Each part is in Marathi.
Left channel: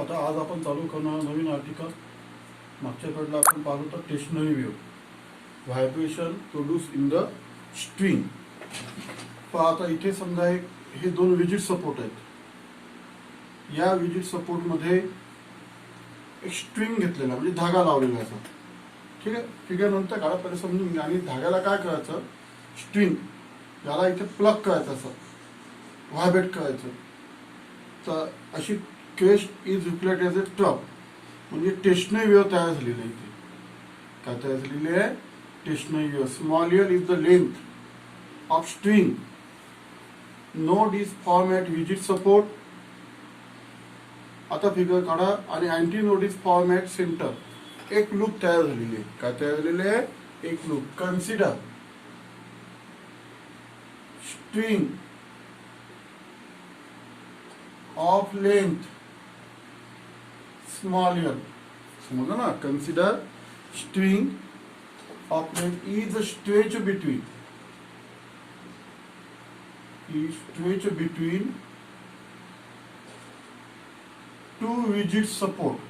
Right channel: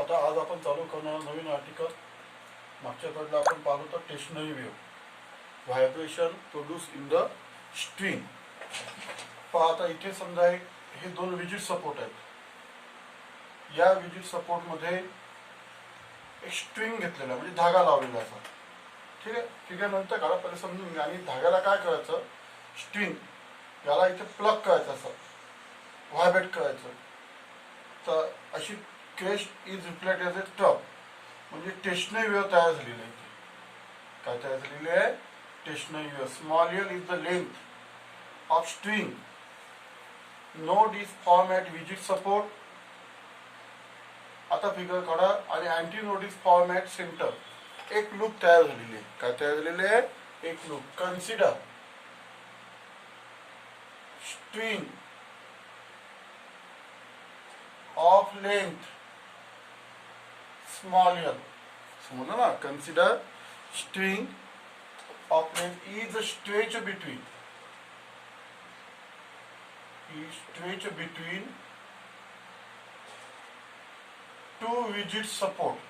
आता आज आपण चालू करणार नवीन आर्टिकल. मागच्या कडला आपण पाहतो तर stationary wave vibration produce in the string. पहा आता इथे समजा हे दोन विजिट सपोर्ट आहेत. या विजिट सपोर्ट मध्ये एक स्ट्रिंग घेतलेला म्हणजे धागा लावलेला असा. ठीक आहे, फिगर नंतर काढा, पहिले समजून घ्या. आणि धाग्याला काय करायचं, स्ट्रिंग याला इथे प्लग करायचं, असं व्हायब्रेट करायचं. तर अशी केस इज रिफ्लेक्ट एज ए टप, म्हणजे टेशनरी वेव्ह तयार झालेली आहे. इथे काय तयार झालेली आहे, stationary wave. Small L is the length of string. Node is form at visit support. आता फिगर काढा. आणि anti node is form at centre. एक लूप तयार झालेली आहे. काय तयार झालेली आहे, एक loop. Consider string of length small L. समजलं ना. Consider string of length is stretch between two visit support.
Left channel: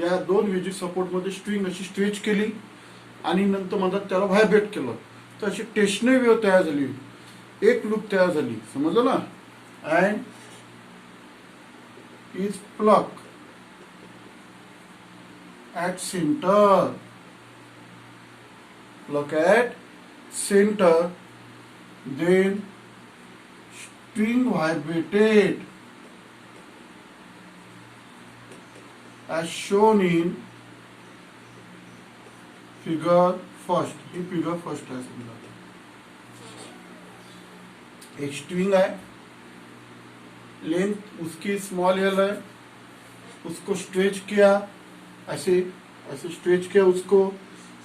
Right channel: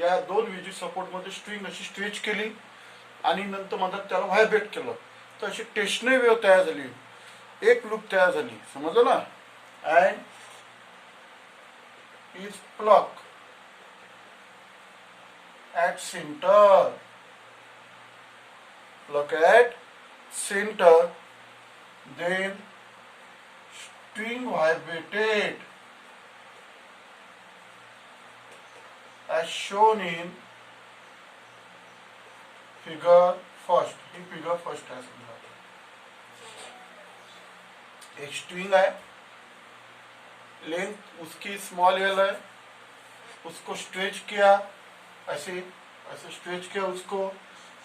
या दोन विजिट सपोर्ट मध्ये स्ट्रिंग अशी स्ट्रेच केली आणि नंतर म्हणतात त्याला व्हायब्रेट केलं, तर अशी टेशनरी वेव्ह तयार झाली. एक लूप तयार झाली. समजलं ना. And is plug at centre. Plug at center, then string vibrated as shown in figure first. He figure first है. समझा, एक स्ट्रिंग है, लेंथ उसकी स्मॉल एल है, उसको स्ट्रेच किया, ऐसे स्ट्रेच किया उसको,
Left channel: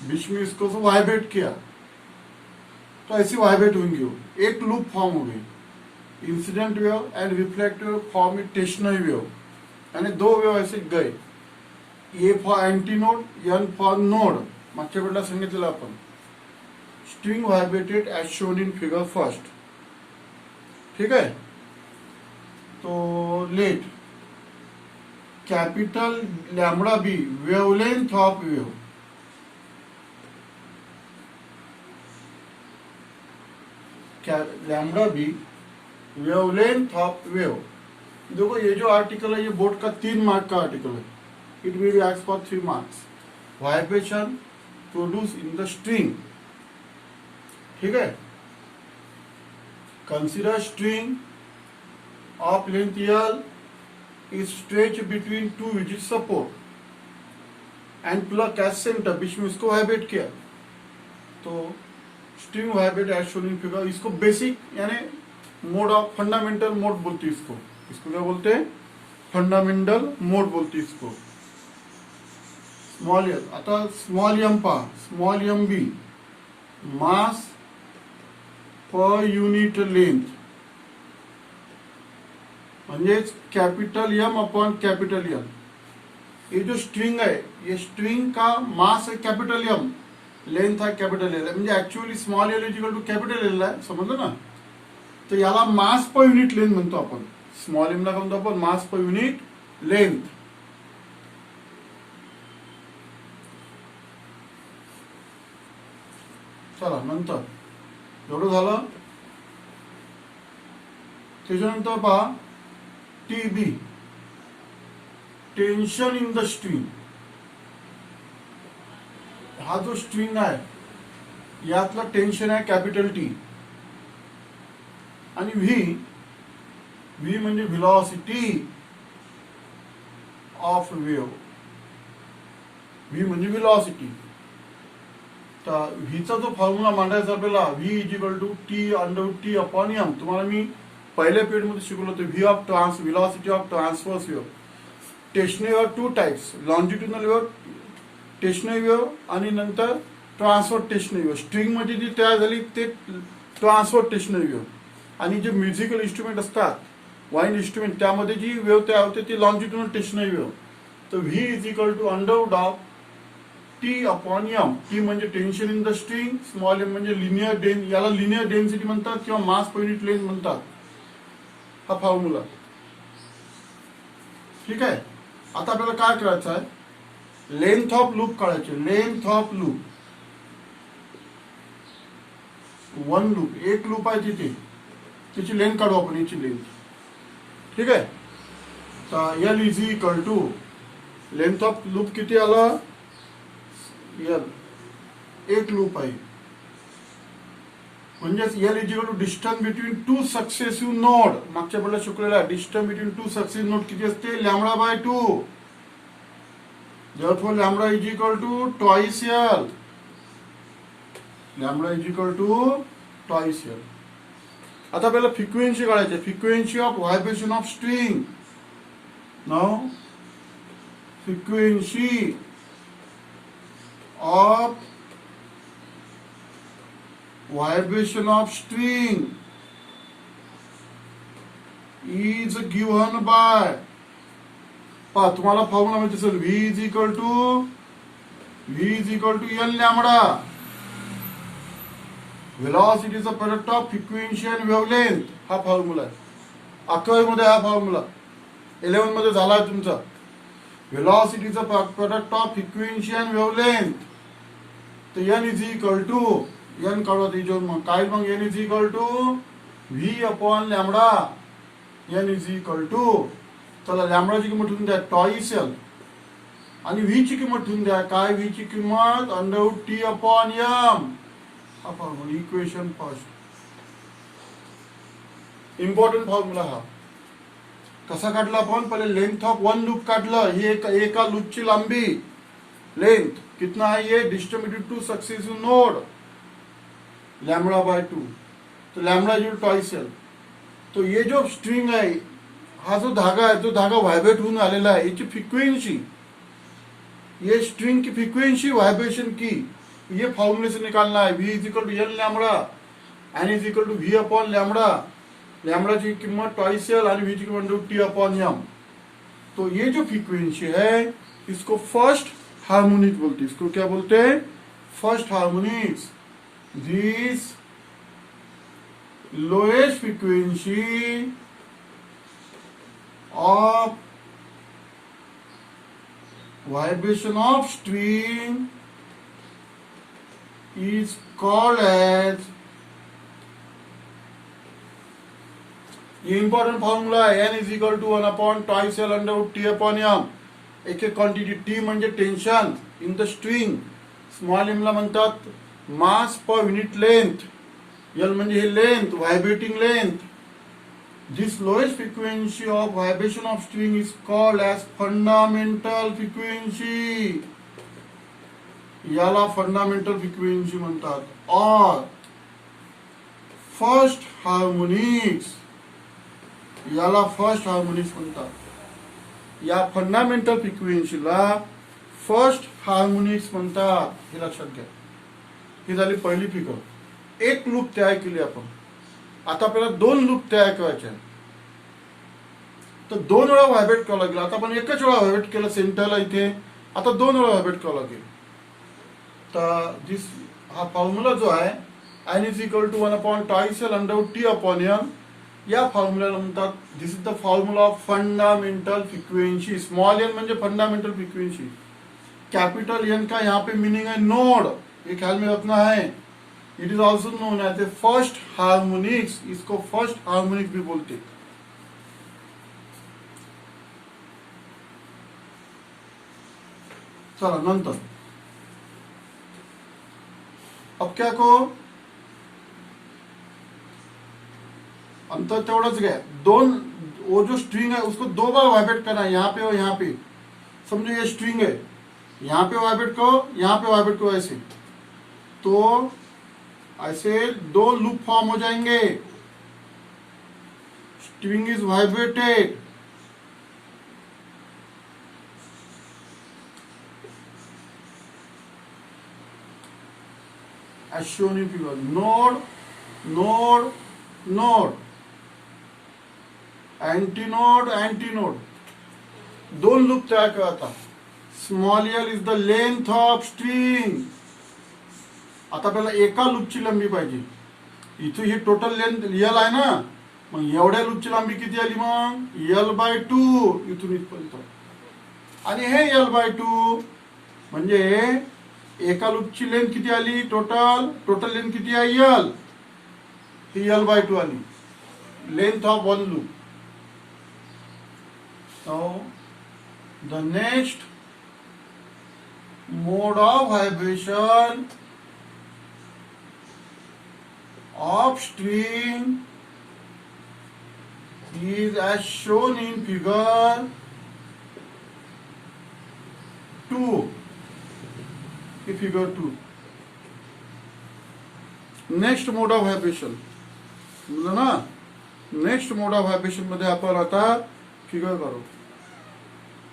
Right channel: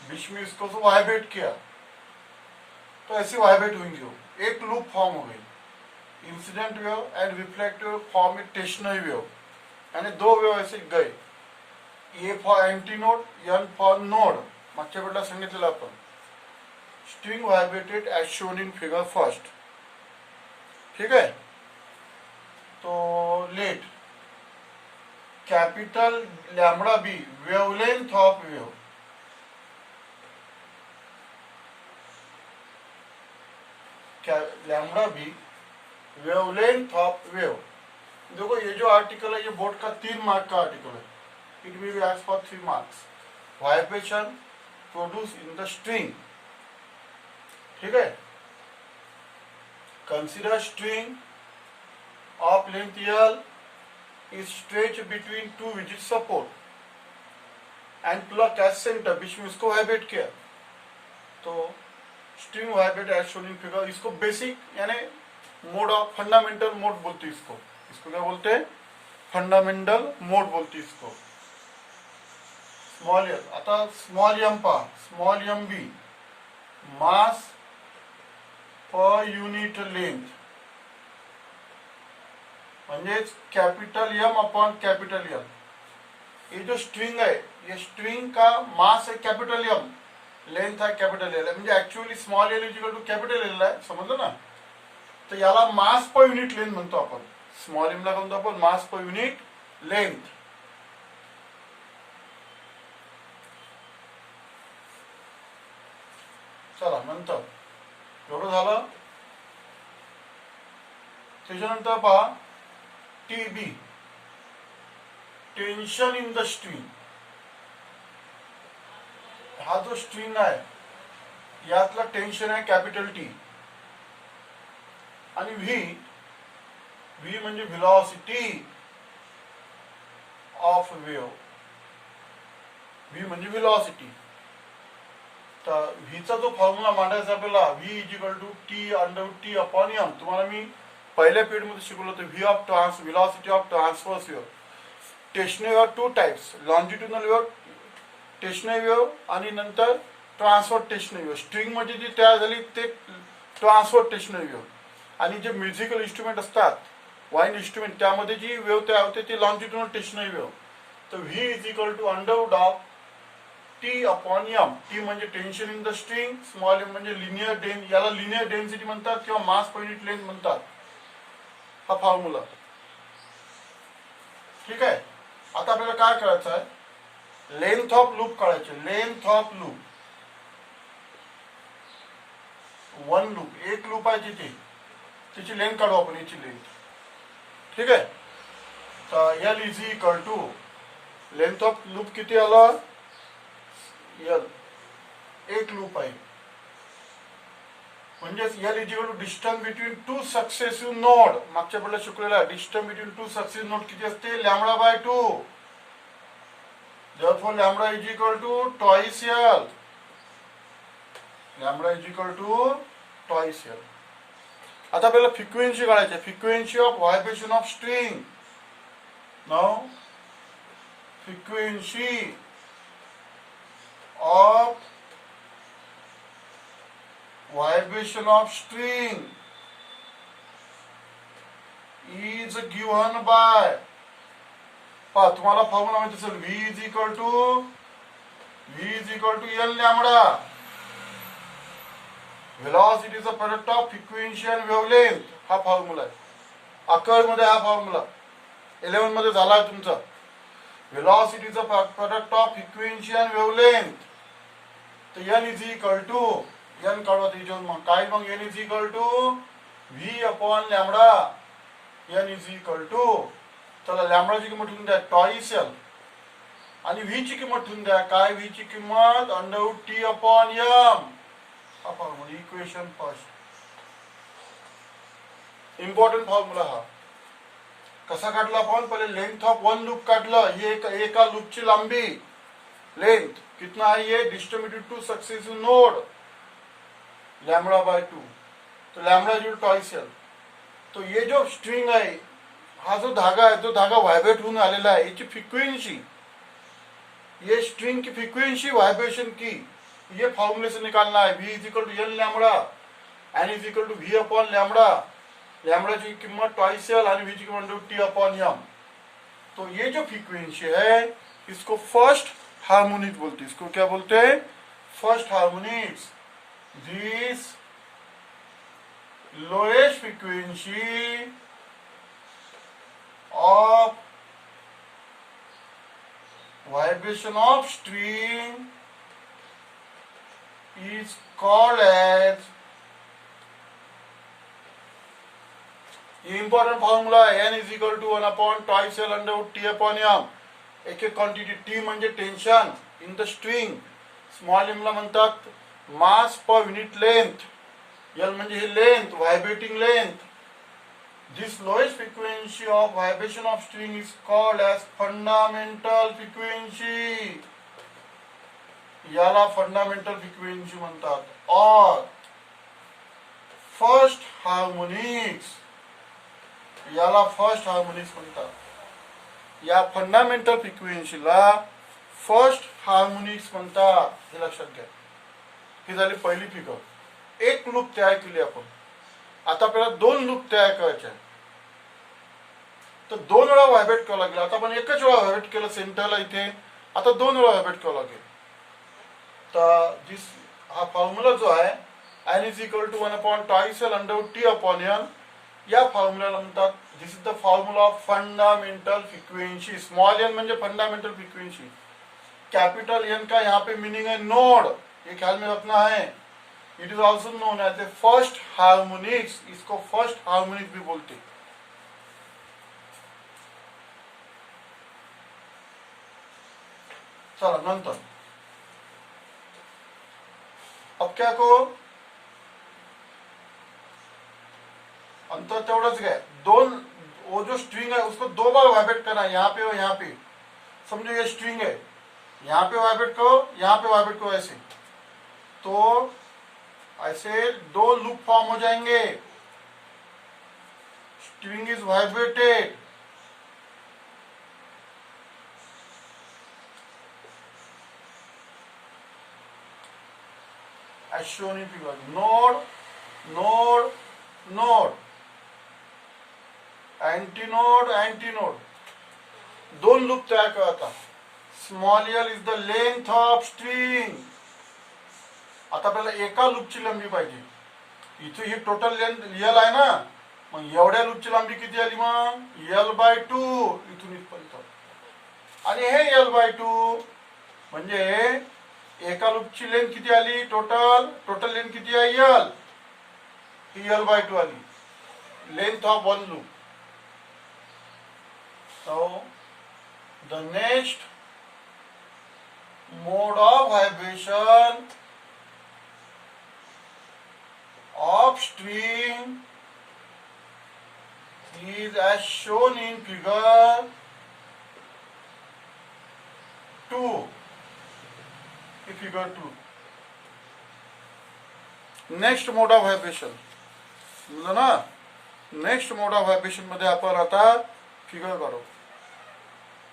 बीच में इसको वाइब्रेट किया, तो ऐसी वाइब्रेट होंगी वो. एक लूप फॉर्म हो गई. Incident wave and reflective wave form in stationary wave. यानी दो वेव ऐसे गए. A for anti node, N for node. मागच्या वेळेला सांगितलेलं आपण. String vibrated as shown in figure first. ठीक है. तो let capital lambda be wavelength of wave. Lambda be wavelength of wave. देखो ये जो आर्टिकल है ये बोर्ड का 3 मार्क का आर्टिकल है. It will be asked for 3 marks. Vibration produce in the string. ठीक है. Consider string of length L is stretch between two visit support and pluck at centre. बीच में उसको वाइब्रेट किया, तो string vibrate as shown in figure. इसको बेसिक यानी मोड ऑफ फंडामेंटल मोड बोलते हैं. इसको क्या बोलते हैं, फंडामेंटल मोड बोलते हैं इसको. Small L. आता स्मॉल एम पहा. Small M be mass per unit length, म्हणजेच capital M upon capital M. ये जो स्ट्रिंग है, ये स्ट्रिंग का मास है कैपिटल एम, लेंथ है कैपिटल एल. म्हणजे actually small L equal to capital L आहे. समजलं ना. तर याला मास पर युनिट लेंथ म्हणतो आपण. स्मॉल एम ला काय म्हणतो आपण, मास पर युनिट लेंथ. चला नंतर एवढं झालं. त्याच्यानंतर पहा T be, tension in the string. हा जो स्ट्रिंग आहे यातला टेन्शन आहे कॅपिटल टी. आणि व्ही म्हणजे व्हेलॉसिटी ऑफ वेव्ह. व्ही म्हणजे व्हेलॉसिटी. तर व्हीचा जो फॉर्म्युला मांडायचा आपल्याला, V is equal to T under T upon M. तुम्हाला मी पहिल्या पिरियड मध्ये शिकवलं होतं. V of velocity of transverse wave. Stationary wave 2 types, longitudinal wave stationary wave आणि नंतर ट्रान्सफर टेशनरी वेव्ह. स्ट्रिंग मध्ये जी तयार झाली ते ट्रान्सफर टेशनरी वेव्ह. आणि जे म्युझिकल इन्स्ट्रुमेंट असतात, वाईन इन्स्ट्रुमेंट, त्यामध्ये जी वेव्ह तयार होते ती लॉन्जिट्युडनल टेशनरी वेव्ह. तर V is equal to under root of T upon M. T म्हणजे tension in the string, small M म्हणजे लिनियर याला लिनियर डेन्सिटी म्हणतात किंवा मास पर युनिट लेंथ म्हणतात. हा फॉर्म्युला. ठीक आहे. आता आपल्याला काय करायचं आहे, लेंथ ऑफ लूप काढायचे. Length of loop, one loop, एक लूप आहे तिथे, तिची लेंथ काढू आपण, याची लेंथ. ठीक आहे. तर L is equal to length of loop किती आला, एल, एक लूप आहे, म्हणजेच L is equal to distance between two successive node. मागच्या वेळेला शिकलेला distance between two successive node किती असते, lambda by 2. therefore lambda is equal to twice L. lambda is equal to twice L. आता आपल्याला फ्रिक्वेन्सी काढायची, frequency of vibration of string. Now frequency of vibration of string is given by, पहा तुम्हाला फॉर्म्युला माहिती असेल, V is equal to N lambda. व्हेलॉसिटीचा product of frequency and wavelength, हा फॉर्म्युला आहे. 11 मध्ये हा फॉर्म्युला 11 मध्ये झाला आहे तुमचा. व्हेलॉसिटीचा product of frequency and wavelength. तर N is equal to, N काढू काय, मग N is equal to V upon lambda. N is equal to, चला लॅम्बडाची किंमत ठेवून द्या टॉईस एल, आणि व्ही ची किंमत ठेवून द्या काय, व्ही ची किंमत अंडर टी अपॉन एम. हा formula equation first, important formula. हा कसा काढला आपण, पहिले लेंथ ऑफ वन लूप काढलं. ही एका लूपची लांबी, लेंथ कितना है ये, distance between two successive node, lambda by 2. तो लैम्बडा जो टॉइस एल. तो ये जो स्ट्रिंग है, हा जो धागा है, तो धागा व्हायब्रेट होऊन आलेला आहे, याची फ्रिक्वेन्सी, ये स्ट्रिंग की फ्रिक्वेन्सी व्हायब्रेशन की, ये फॉर्मूले से निकालना है. v is equal to L lambda, N is equal to v upon lambda. Lambda की कीमत टॉइस एल और v की कीमत टी अपॉन एम. तो ये जो फ्रीक्वेंसी है, इसको फर्स्ट हार्मोनिक बोलते हैं. इसको क्या बोलते हैं, first harmonics. This lowest frequency of vibration of string is called as, important formula, n is equal to 1 upon twice L under T upon M. एक क्वांटिटी T म्हणजे tension in the string, small m ला म्हणतात मास पर युनिट लेंथ, L म्हणजे हे length, vibrating length. This lowest frequency of vibration of string is called as fundamental frequency. याला fundamental frequency म्हणतात. और first harmonics, याला first harmonics म्हणतात. या fundamental frequency ला first harmonics म्हणतात. हे लक्षात घ्या. ही झाली पहिली फिगर. एक लूप तयार केली आपण. आता आपल्याला दोन लूप तयार करायचे आहे. तर 2 वेळा व्हायब्रेट करावं लागेल. आता आपण एकच वेळा व्हायब्रेट केलं सेंटरला इथे, आता 2 वेळा व्हायब्रेट करावं लागेल. तर हा फॉर्म्युला जो आहे, n is equal to 1 upon twice L under T upon N, या फॉर्म्युलाला म्हणतात, this is the formula of fundamental frequency. Small N म्हणजे फंडामेंटल फ्रीक्वेंसी, कैपिटल एन का यहाँ पे मीनिंग है नोड, ये ख्याल में रखना है. It is also known as a first harmonics. इसको फर्स्ट हार्मोनिक्स भी बोलते. चला नंतर, अब क्या को अंतर तेवढंच घ्या. वो जो स्ट्रिंग है उसको 2 बार वाइब्रेट करना है, यहाँ पे और यहाँ पे. समझो ये स्ट्रिंग है, यहाँ पे वाइब्रेट करो, यहाँ पे वाइब्रेट करो, ऐसे. तो ऐसे 2 लूप फॉर्म हो जाएंगे. String is vibrated, as shown in figure. Node, node, node, antinode, antinode. 2 loop तयार करायचा. Small L is the length of string. आता आपल्याला एका लूपची लांबी पाहिजे. इथे ही टोटल लेंथ एल आहे ना, मग एवढ्या लूपची लांबी किती आली मग L/2 इथून इथपर्यंत. आणि हे L/2 म्हणजे एका लूपची लेंथ किती आली, टोटल लेंथ किती आहे L, ही L/2 आली, length of one loop. So the next mode of vibration of string is as shown in figure 2. Figure 2. Next mode of vibration समजलं ना. नेक्स्ट मोड ऑफ व्हायब्रेशन मध्ये आपण आता फिगर काढू.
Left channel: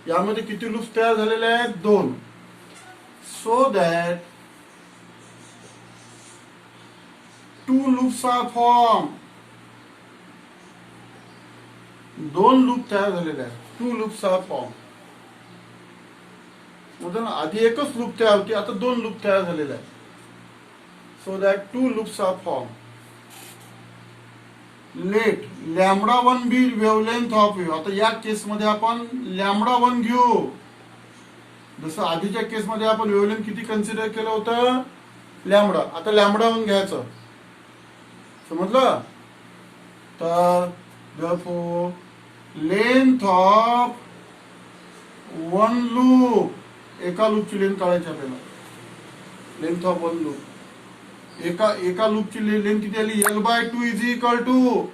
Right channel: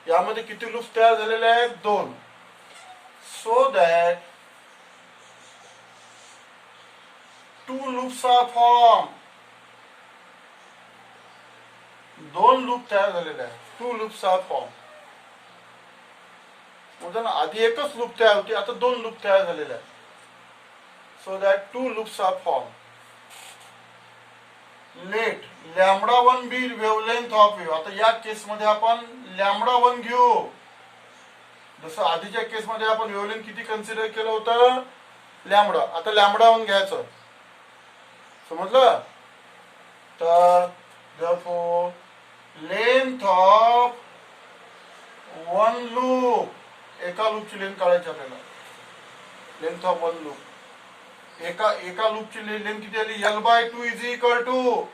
यामध्ये किती लूप्स तयार झालेले आहेत, 2. So that 2 loops are form. 2 loop तयार झालेले आहेत. 2 लूप्स आर फॉर्म. म्हणजे आधी एकच लूप तयार होती, आता 2 लूप तयार झालेले आहेत. So that 2 loops are form. Let λ1 be wavelength of wave. आता या केस मध्ये आपण λ1 घेऊ. जसं आधीच्या केस मध्ये आपण वेवलेंथ किती कन्सिडर केलं होतं, लॅम्बडा. आता λ1 घ्यायचं, समजलं. तर therefore length of one loop, एका लूपची लेंथ काढायची आपल्याला. लेंथ ऑफ वन लूप, एका लूपची लेंथ किती आली, L/2 is equal to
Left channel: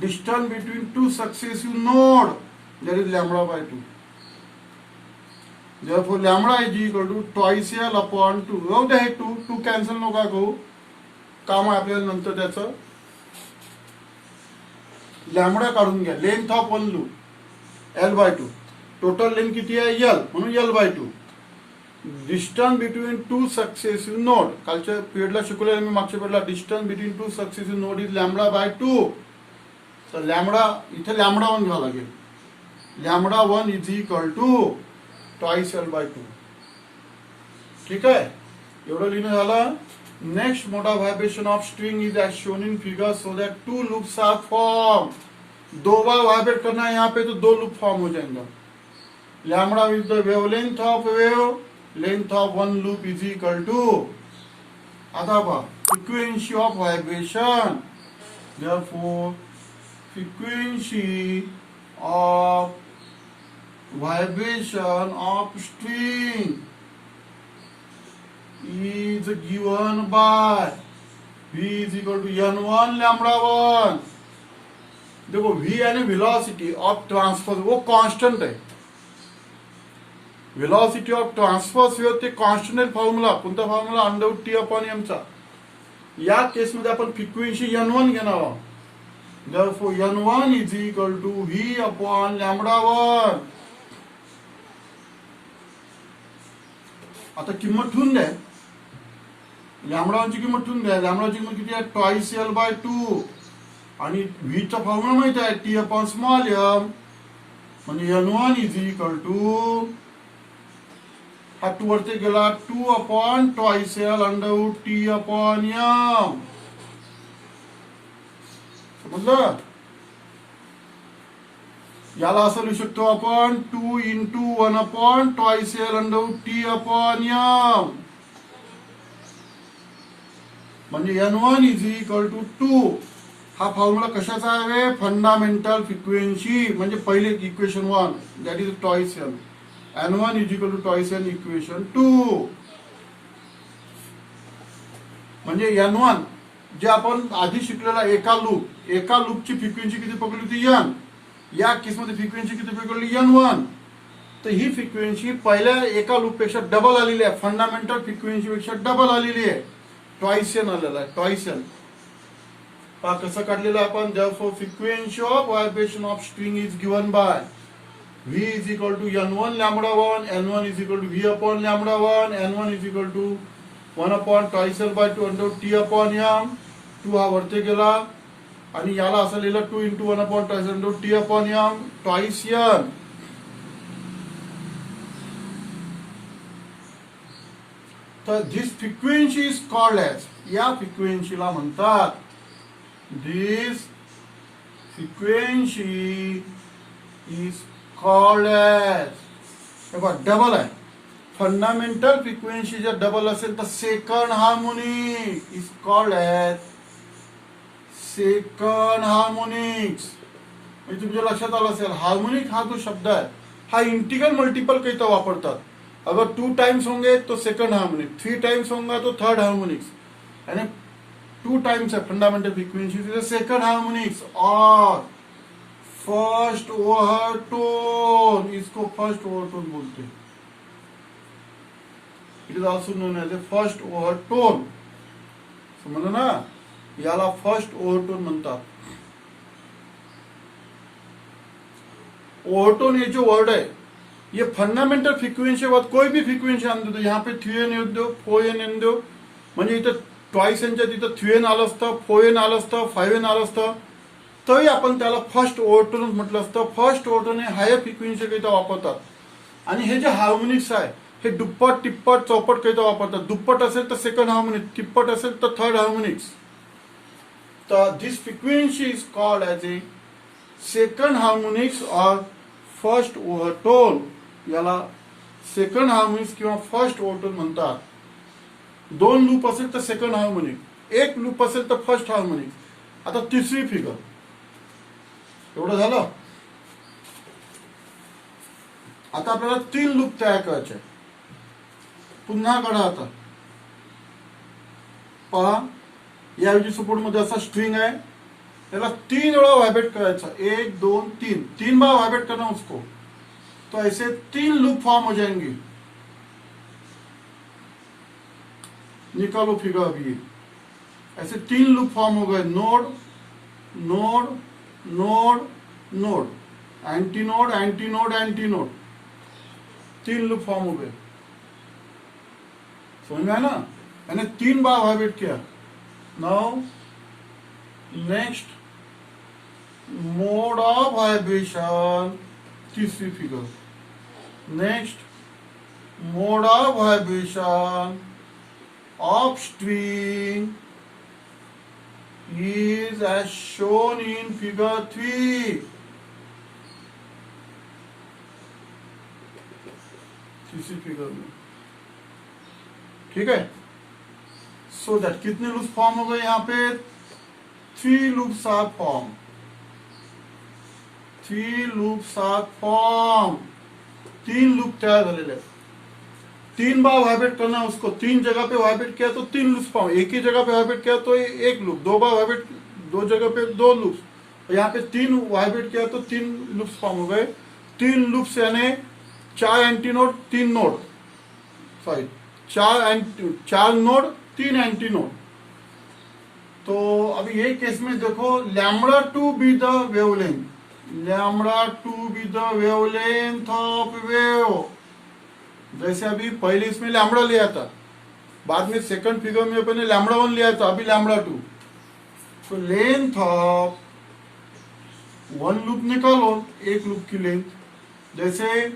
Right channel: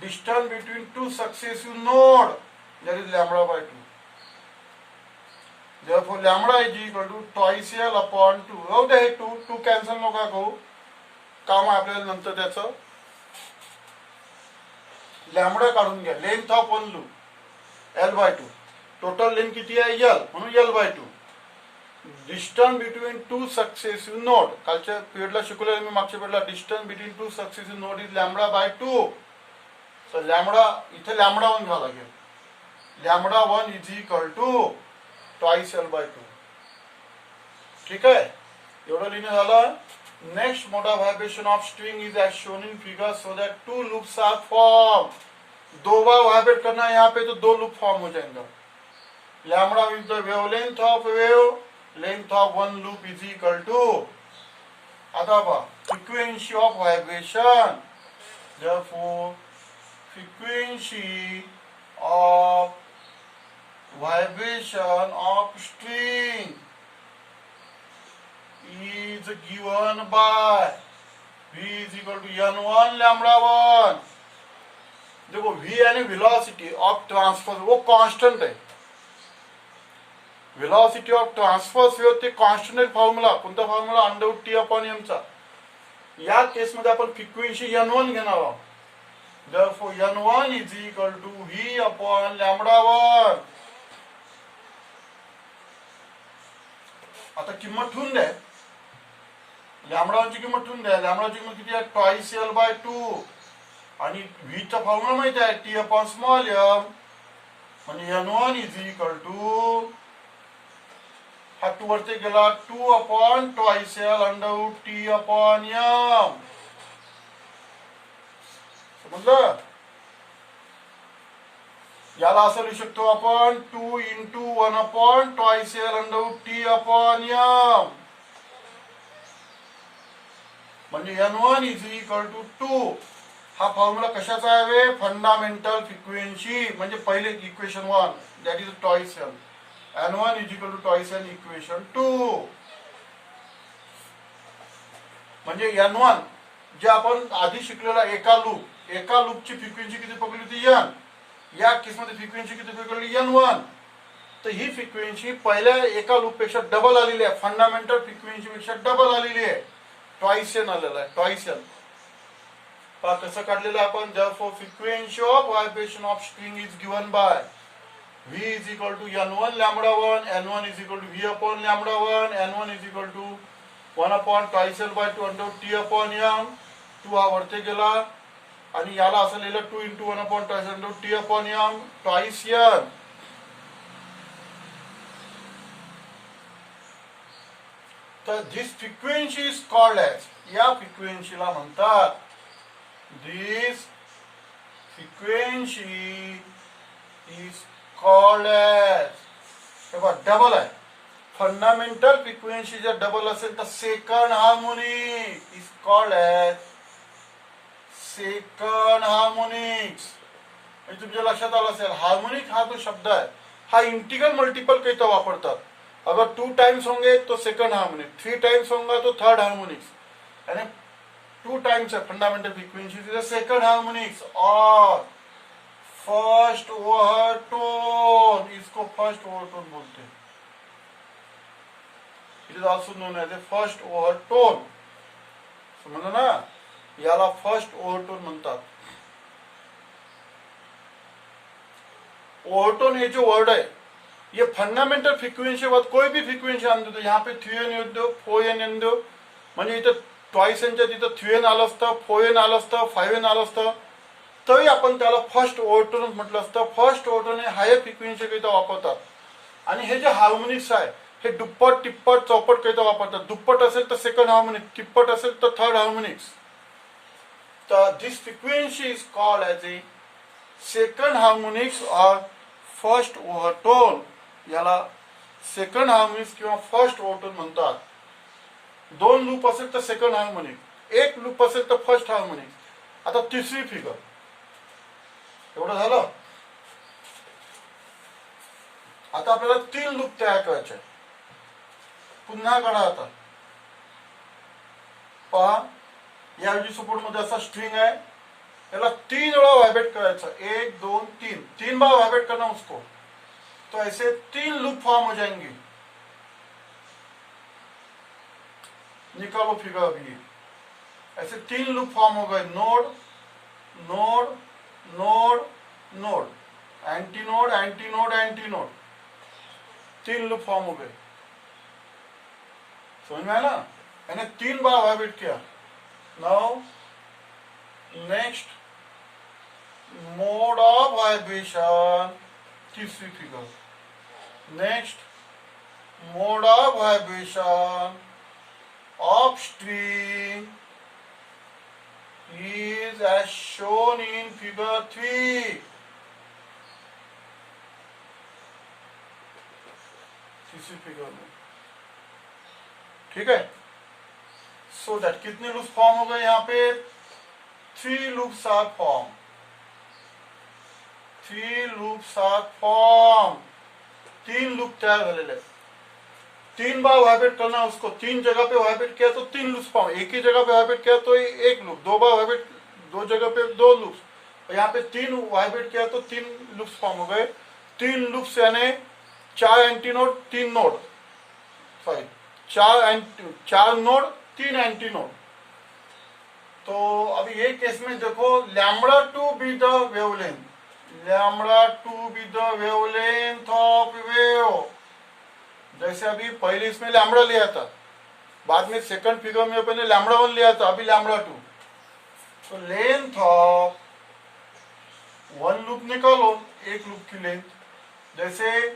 distance between 2 successive node, that is λ/2. therefore λ is equal to twice L upon 2. राहू दे, हे 2 कॅन्सल नका करू, काम आहे आपल्याला नंतर त्याचं. लॅम्बडा काढून घ्या. Length of one loop L/2, total length किती आहे L, म्हणून L/2. Distance between 2 successive node, कालच्या पिरियडला शिकवलेलं मी, मागच्या पिरियडला. Distance between 2 successive node is λ/2. तर इथे λ1 घ्यावं लागेल. λ1 is equal to twice L/2. ठीक आहे, एवढं लिहिणं झालं. Next mode of vibration of string is as shown in figure so that 2 loops are form. 2 बार वाइब्रेट करना है यहाँ पे, तो 2 लूप फॉर्म हो जाएंगे. Lambda with the wavelength of wave, length of one loop is equal to. आता पहा frequency of vibration. therefore frequency of vibration of string is given by V is equal to N1 λ1. देखो V यानी वेलोसिटी ऑफ ट्रांसफर, वो कांस्टेंट है. वेलोसिटी ऑफ ट्रांसफर्स वेव्ह ते कॉन्स्टंट फॉर्म्युला. कोणता फॉर्म्युला, √T/m चा. या केस मध्ये आपण फ्रिक्वेन्सी N1 घेणार आहोत. therefore N1 is equal to V upon λ1. आता किंमत ठेवून द्या, λ1 ची किंमत ठेवून द्या. λ1 ची किंमत किती आहे, ट्वाइस L/2. आणि V चा फॉर्म्युला माहिती आहे, T/m. म्हणजे N1 इज इक्वल टू, हा 2 वरती गेला, 2 अपॉन ट्वाइस L √T/m. समजलं. याला असं लिहू शकतो आपण 2 × 1 अपॉन ट्वाइस L √T/m. म्हणजे N1 इज इक्वल टू 2. हा फॉर्म्युला कशाचा आहे, फंडामेंटल फ्रिक्वेन्सी. म्हणजे पहिले equation 1, that is twice L. N1 is equal to twice L equation 2. म्हणजे N1 जे आपण आधी शिकलेला एका लूपची फ्रिक्वेन्सी किती पकडली होती, N. या केसमध्ये फ्रिक्वेन्सी किती पकडली, N1. तर ही फ्रिक्वेन्सी पहिल्या एका लूप पेक्षा डबल आलेली आहे. फंडामेंटल फ्रिक्वेन्सी पेक्षा डबल आलेली आहे. ट्वाइस N आलेला आहे, ट्वाइस N. पहा कसं काढलेलं आपण. therefore frequency of vibration of string is given by V is equal to N1 λ1, N1 is equal to V upon λ1, N1 is equal to 1 upon twice L/2 √T/m. 2 हा वरती गेला आणि याला असं लिहिलं 2 × 1 upon twice √T/m twice N. तर this frequency is called as, या फ्रिक्वेन्सीला म्हणतात, this frequency is called as, तेव्हा डबल आहे, फंडामेंटल फ्रिक्वेन्सी जर डबल असेल तर second harmonic is called as second harmonics. म्हणजे तुमच्या लक्षात आलं असेल, हार्मोनिक हा जो शब्द आहे हा इंटिग्रल मल्टिपल कहीं तो वापरतात. अगर 2 टाइम्स होंगे तो सेकंड हार्मोनिक, 3 टाइम्स होगा तो थर्ड हार्मोनिक्स, यानी 2 टाइम्स है फंडामेंटल फ्रीक्वेंसी सेकंड हार्मोनिक्स. और फर्स्ट ओव्हरटोन, इसको फर्स्ट ओव्हरटोन बोलते हैं. It is also known as a first overtone. समजलं ना, याला फर्स्ट ओव्हरटोन म्हणतात. ओव्हरटोन ये जो वर्ड है ये फंडामेंटल फ्रिक्वेन्सी बाद कोई भी फ्रिक्वेन्सी आणून दो, यहाँ पे 3n येऊ दो, 4n येऊ दो, म्हणजे इथं ट्वाइस एनच्या तिथं 3n आलं असतं, 4n आलं असतं, 5n आलं असतं, तरी आपण त्याला फर्स्ट ओव्हरटोन म्हटलं असतं. फर्स्ट ओव्हरटोन हे हायर फ्रिक्वेन्सी करिता वापरतात. आणि हे जे हार्मोनिक्स आहे हे दुप्पट, टिप्पट, चौपट करिता वापरतात. दुप्पट असेल तर सेकंड हार्मोनिक, टिप्पट असेल तर थर्ड हार्मोनिक्स. तर this frequency is called as a second harmonics और फर्स्ट ओव्हरटोन. याला सेकंड हार्मोनिक्स किंवा फर्स्ट ओव्हरटोन म्हणतात. 2 लूप असेल तर सेकंड हार्मोनिक, 1 लूप असेल तर फर्स्ट हार्मोनिक. आता तिसरी फिगर, एवढं झालं. आता आपल्याला 3 लूप तयार करायचे. पुन्हा काढा. आता पहा, याऐवजी सपोर्ट मध्ये असा स्ट्रिंग आहे, त्याला 3 वेळा वाइब्रेट करायचा. 1 2 3, 3 बार वाइब्रेट करना उसको, तो ऐसे 3 लूप फॉर्म हो जाएंगे. निकालो फिगर अभी. ऐसे 3 लूप फॉर्म हो गए. Node node node node, anti node anti node anti node, 3 loop form हो गए. समझ में आया ना, मैंने 3 बार वाइब्रेट किया. Now next mode of vibration, तीसरी फिगर. Next mode of vibration of string is as shown in figure 3. तीसरी फिगर में, ठीक है. सो दैट कितने लूप्स फॉर्म हो गए यहाँ पे? 3 loops are form. 3 loops are form. 3 loop तयार झालेले आहेत. 3 बार वाइब्रेट करना उसको, 3 जगह पे वाइब्रेट किया तो 3 लूप्स फॉर्म. एक ही जगह पे वाइब्रेट किया तो 1 लूप. 2 बार वाइब्रेट 2 जगह पे 2 लूप्स. और यहाँ पे 3 वाइब्रेट किया तो 3 लूप्स फॉर्म हो गए. 3 लूप्स यानी 4 anti node 3 node, sorry 4 node 3 anti node. तो अभी ये केस में देखो, lambda to be the wavelength, lambda to be the wavelength of wave. जैसे अभी पहले इसमें लैम्बडा लिया था, बाद में सेकंड फिगर में अपने लैम्बडा 1 लिया था, अभी लैम्बडा 2. तो लेंथ ऑफ 1 लूप निकालो, 1 लूप की लेंथ. जैसे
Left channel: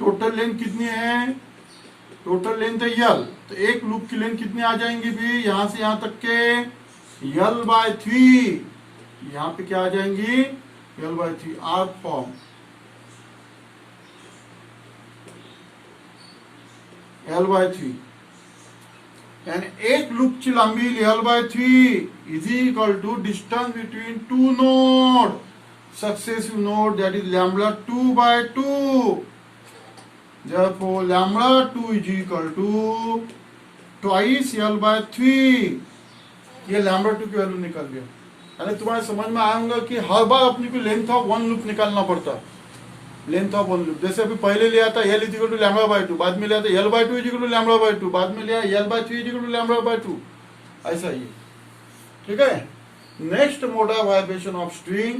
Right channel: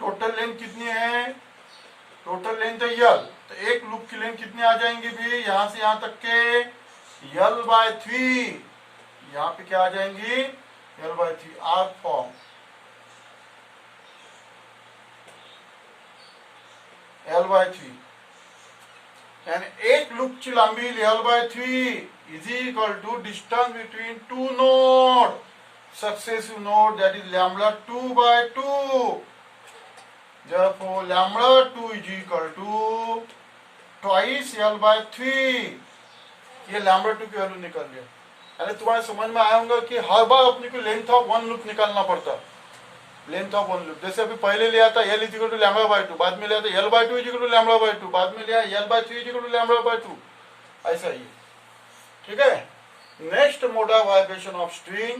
टोटल लेंथ कितनी है? टोटल लेंथ है यल, तो 1 लूप की लेंथ कितनी आ जाएंगी भी? यहां से यहां तक के L/3. यहां पे क्या आ जाएंगी? L/3 arc form. L/3 यानी 1 लूपची लांबी L/3 is equal to distance between 2 node, successive node, that is lambda 2/2. therefore lambda 2 is equal to twice L/3. ये लैम्बडा 2 की वैल्यू निकल गया. अरे तुम्हारे समझ में आया होगा कि हर बार अपने को लेंथ ऑफ 1 लूप निकालना पड़ता. लेंथ ऑफ 1 लूप, जैसे अभी पहले लिया था L इज इक्वल टू λ/2, बाद में लिया था L/2 इज इक्वल टू λ/2, बाद में लिया L/3 इज इक्वल टू λ/2. ऐसा ही, ठीक है. Next mode of vibration of string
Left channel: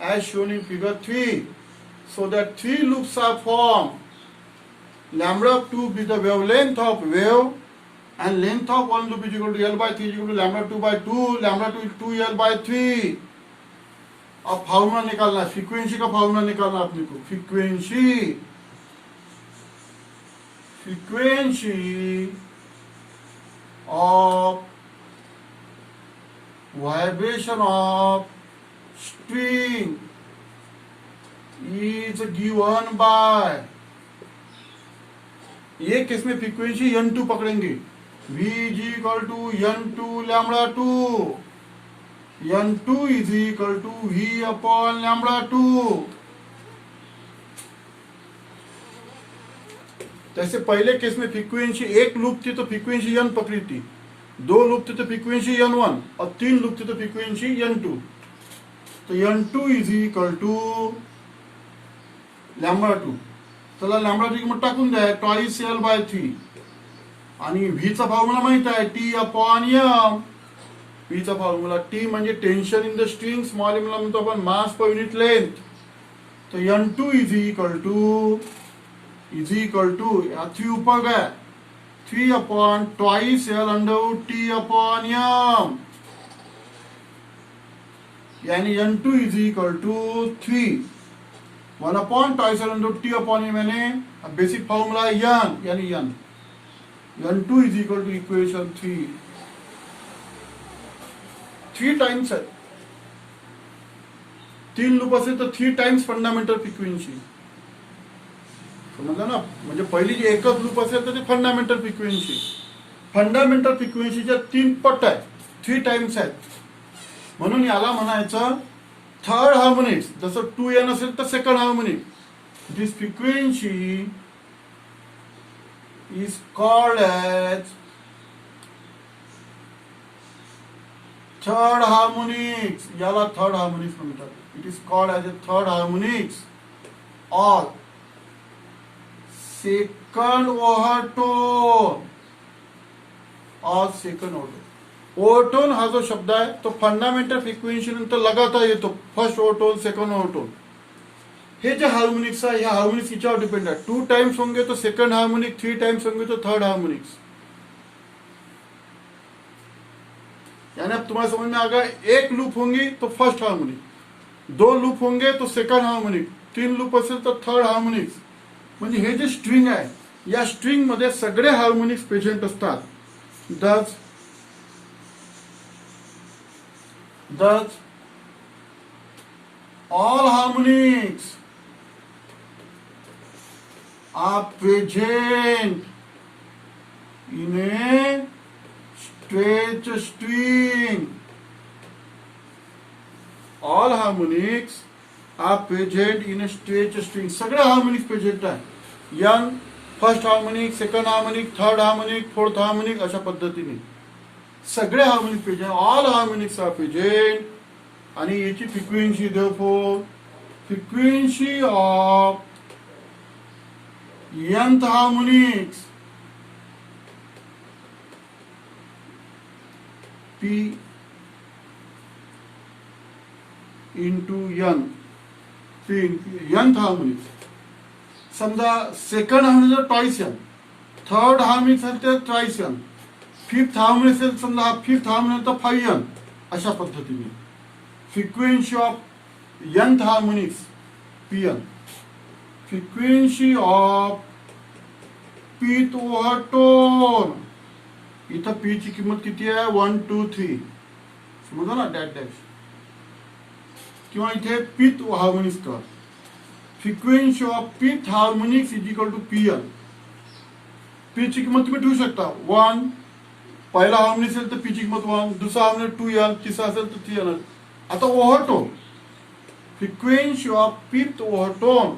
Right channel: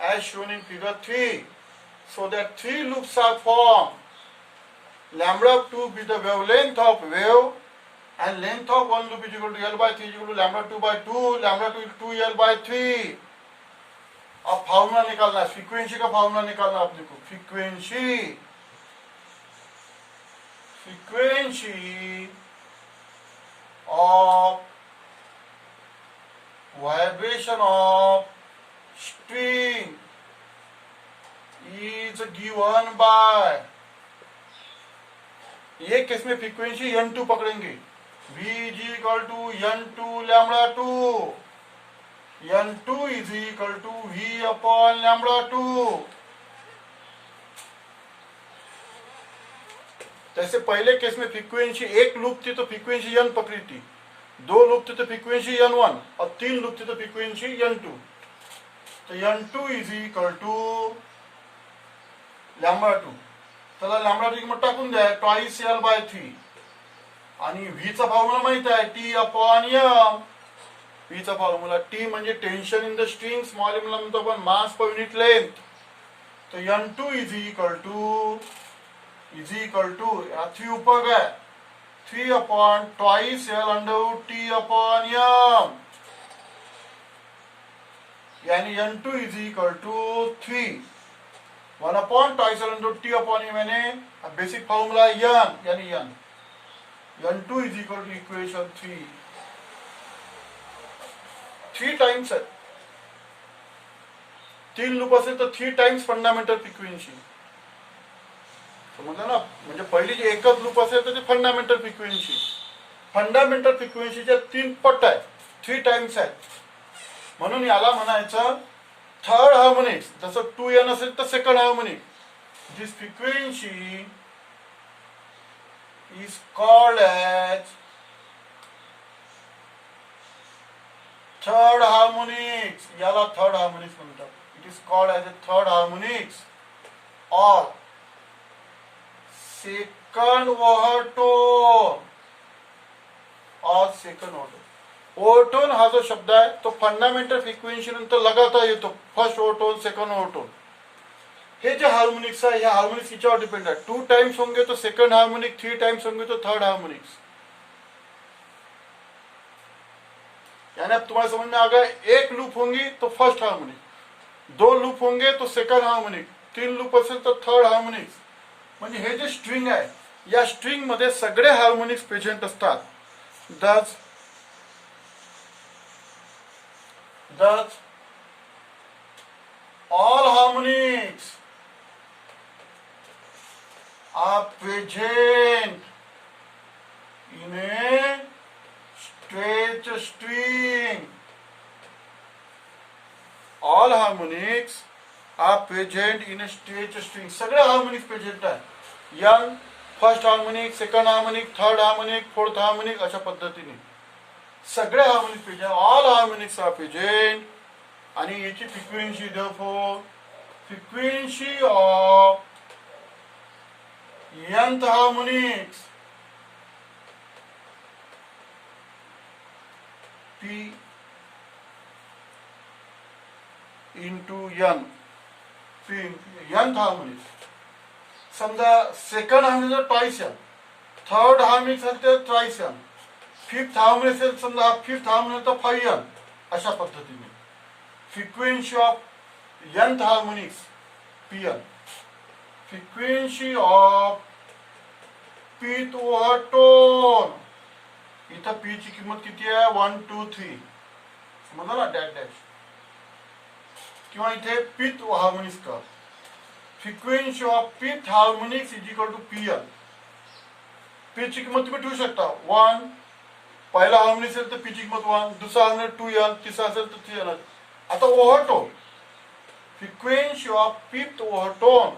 as shown in figure 3, so that 3 loops are formed. λ2 be the wavelength of wave and length of 1 loop is equal to L/3 is equal to λ2/2, λ2 is 2L/3. अब फार्मूला निकालना है, फ्रीक्वेंसी का फार्मूला निकालना है अपने को. Frequency of vibration of string is given by, ये केस में फ्रीक्वेंसी n2 पकड़ेंगे, v is equal to n2 lambda 2, n2 is equal to v upon lambda 2। जैसे पहले केस में फ्रीक्वेंसी एक लूप थी तो फ्रीक्वेंसी n पकड़ी थी, दो लूप थी तो फ्रीक्वेंसी n1 और तीन लूप थी तो फ्रीक्वेंसी n2। तो n2 is equal to lambda 2। चला लॅम्बडा 2 किंमत टाकून द्या, ट्वाइस l बाय 3 आणि v चा फॉर्म्युला माहित आहे T अपॉन m। v चा फॉर्म्युला T म्हणजे tension in the string, small m ला म्हणतो आपण मास पर युनिट लेंथ। तो n2 इज इक्वल टू या 3 ऊपर गए 3 upon twice l under T upon m, यानी n2 is equal to 3 1 upon twice l under T upon m, यानी बेसिक फॉर्मूला n यानी n। n2 is equal to equation 3 times है, 3 लूप असेल तर 3 टाइम्स फंडामेंटल फ्रिक्वेन्सी, समजलं ना। म्हणजे पहिली जी एकच लूप असेल तर ते फंडामेंटल फ्रिक्वेन्सी, फंडामेंटल फ्रिक्वेन्सीच्या 3 पट आहेत, 3 टाइम्स आहेत, म्हणून याला म्हणायचं थर्ड हार्मोनिक्स। जसं 2n असेल तर second harmonic. This frequency is called as third harmonics, याला थर्ड हार्मोनिक्स म्हणतात। It is called as a third harmonics और सेकंड ओव्हरटोन और सेकंड ओव्हरटोन। ओव्हरटोन हा जो शब्द आहे तो फंडामेंटल फ्रिक्वेन्सी नंतर लगातार येतो, फर्स्ट ओव्हरटोन सेकंड ओव्हरटोन। हे जे हार्मोनिक्स आहे, ह्या हार्मोनिक्स याच्यावर डिपेंड आहे। 2 टाइम्स होंगे तो सेकंड हार्मोनिक, 3 टाइम्स होंगे तो थर्ड हार्मोनिक्स। यानी अब तुम्हारे समझ में आ गया, एक लूप होंगी तो फर्स्ट हार्मोनिक, 2 लूप होंगे तो सेकंड हार्मोनिक, 3 लूप असेल तर थर्ड हार्मोनिक्स। म्हणजे हे जे स्ट्रिंग आहे, या स्ट्रिंग मध्ये सगळे हार्मोनिक्स प्रेझेंट असतात। Thus all harmonics are present in a straight string. All harmonics are present in a straight string. सगळे हार्मोनिक्स प्रेझेंट आहे। n first harmonic, second harmonic, third harmonic, fourth harmonic, अशा पद्धतीने सगळे harmonics present, all harmonics are present. आणि याची frequency therefore frequency of nth harmonics p into n, p nth harmonics. समजा second harmonic twice n, third harmonic असेल तर ट्वाइस n, फिफ्थ हार्मोनिक असेल समजा फिफ्थ हार्मोनिक तर 5n, अशा पद्धतीने frequency of nth harmonics pn, frequency of pth ओव्हरटोन, इथं p ची किंमत किती आहे 1 2 3, समजलं ना, डॅश डॅश, किंवा इथे pth हार्मोनिक्स कर। Frequency of pth harmonics is equal to pn। p ची किंमत तुम्ही ठेवू शकता 1, पहिला हार्मोनिक असेल तर पी ची किंमत 1, दुसरा हार्मोनिक 2n, तिसरा असेल तर 3n। आता overtone, frequency of pth overtone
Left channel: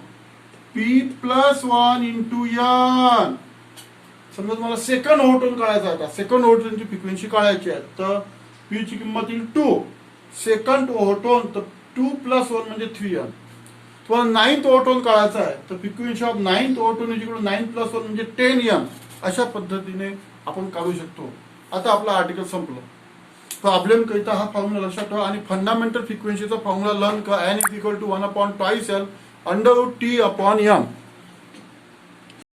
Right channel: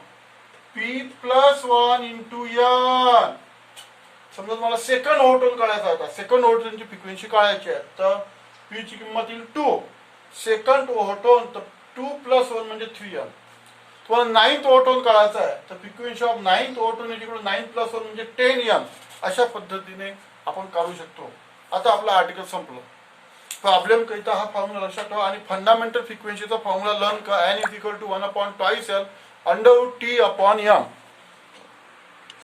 p plus 1 into n। समजा तुम्हाला सेकंड ओव्हरटोन काढायचा आहे, सेकंड ओव्हरटोनची फ्रिक्वेन्सी काढायची आहे, तर p ची किंमत येईल 2, सेकंड ओव्हरटोन तर 2 प्लस 1 म्हणजे 3n। तुम्हाला नाइन्थ ओव्हरटोन काढायचा आहे तर frequency of ninth overtone is equal to 9 plus 1 म्हणजे 10n, अशा पद्धतीने आपण काढू शकतो। आता आपला आर्टिकल संपलं। प्रॉब्लेम करिता हा फॉर्म्युला लक्षात ठेवा आणि फंडामेंटल फ्रिक्वेन्सीचा फॉर्म्युला लर्न करा। n is equal to 1 upon twice l under root T upon m।